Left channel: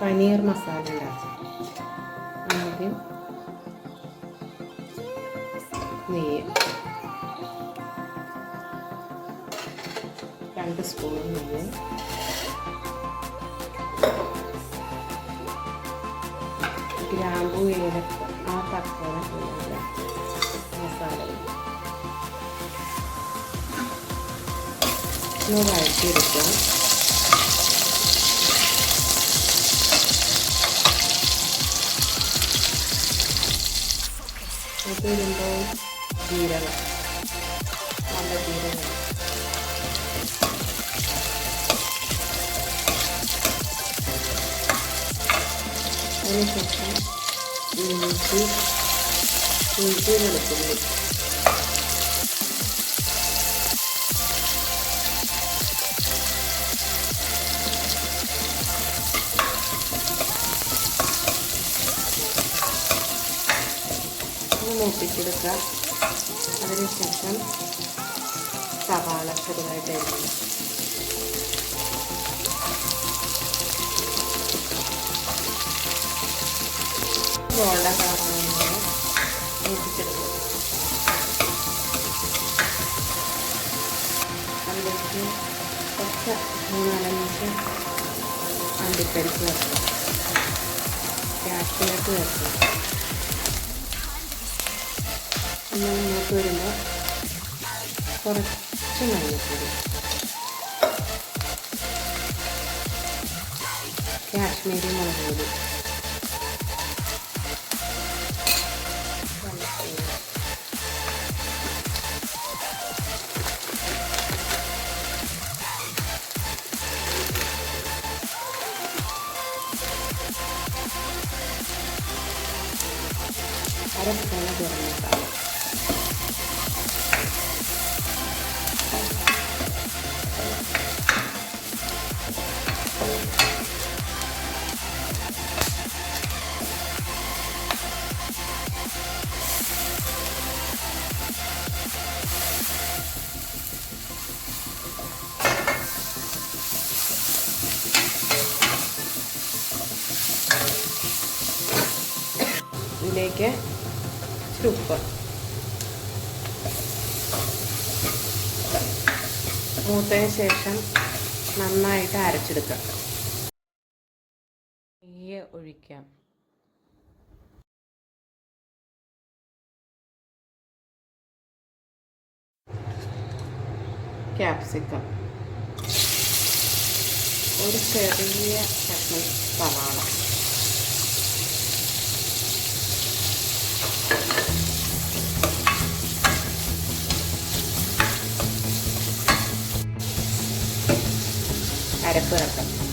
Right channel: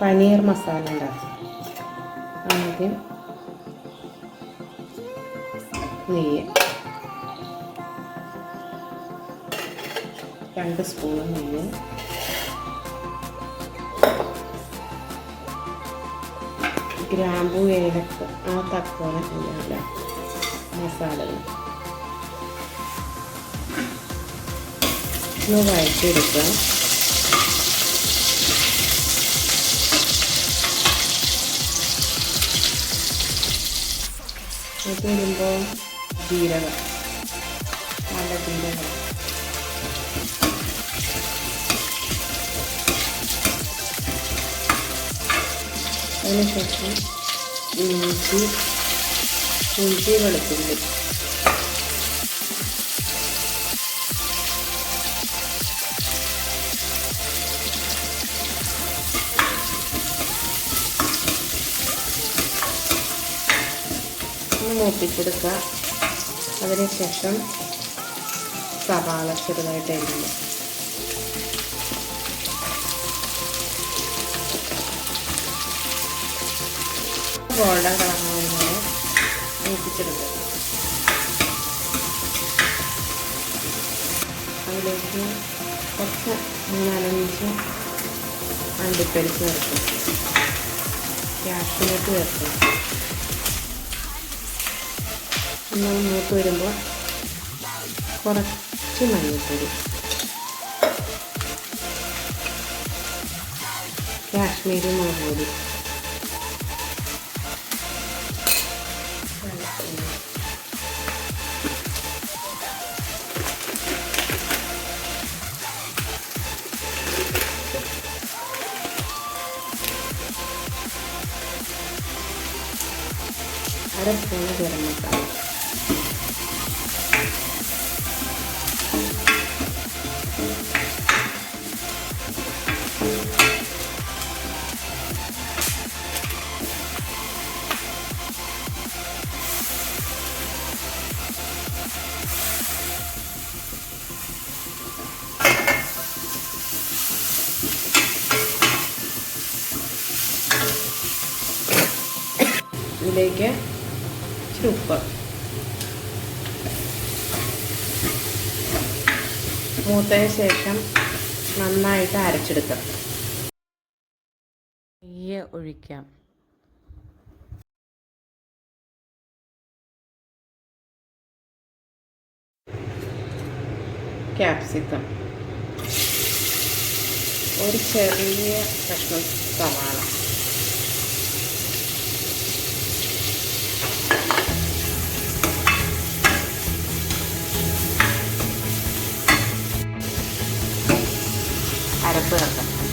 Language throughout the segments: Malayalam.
പനീർ മസാല ഉണ്ടാക്കാം. ആദ്യം നെയ്യ്. രണ്ട് സ്പൂൺ നെയ്യ്. ഗ്രാമ്പു ഏലക്ക ആ തക്കോല ഇല്ല മസാലകൾ. ഒന്ന് വഴറ്റിയെടുക്കുക അത് വരുമ്പോൾ ജീരകം. നല്ല ജീരകം. അതിനുശേഷം ഇഞ്ചി ഇഞ്ചി വെളുത്തുള്ളി മൂപ്പിച്ചെടുക്കുക അതിനുശേഷം സവാള ചെറുതായിട്ട് അരിഞ്ഞ്. ഗോൾഡൻ കളറാവുന്നത് മൂപ്പിച്ചെടുക്കുക അതിലേക്ക് കുറച്ച് മൂന്നാലഞ്ച് അണ്ടിപ്പരിപ്പ് ചേർക്കും ക്യാഷ്നട്ട് ചേർക്കും ഒന്ന് മൂത്ത് വരുമ്പോൾ കുറച്ച് മഞ്ഞൾപ്പൊടി കാശ്മീരി മുളക് പൊടി. അര സ്പൂണ് ഇച്ചിരി ഉപ്പ്. മൂത്തതിന് ശേഷം നന്നായിട്ട് അരച്ചെടുക്കാം. നെയ്യ് ഒഴിക്കാം. ക്യാപ്സിക്കം. ഒരു ചെറിയ കഷ്ണം സവാള. അരപ്പ് ചേർക്കാം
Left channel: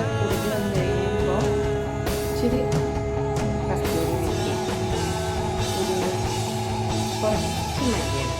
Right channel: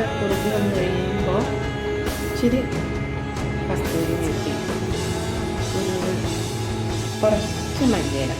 പച്ച കുറുകി വന്ന് കഴിയുമ്പോൾ ഇച്ചിരി കസ്തൂരി മെത്തി ഒരു കുറച്ച് മല്ലിയില.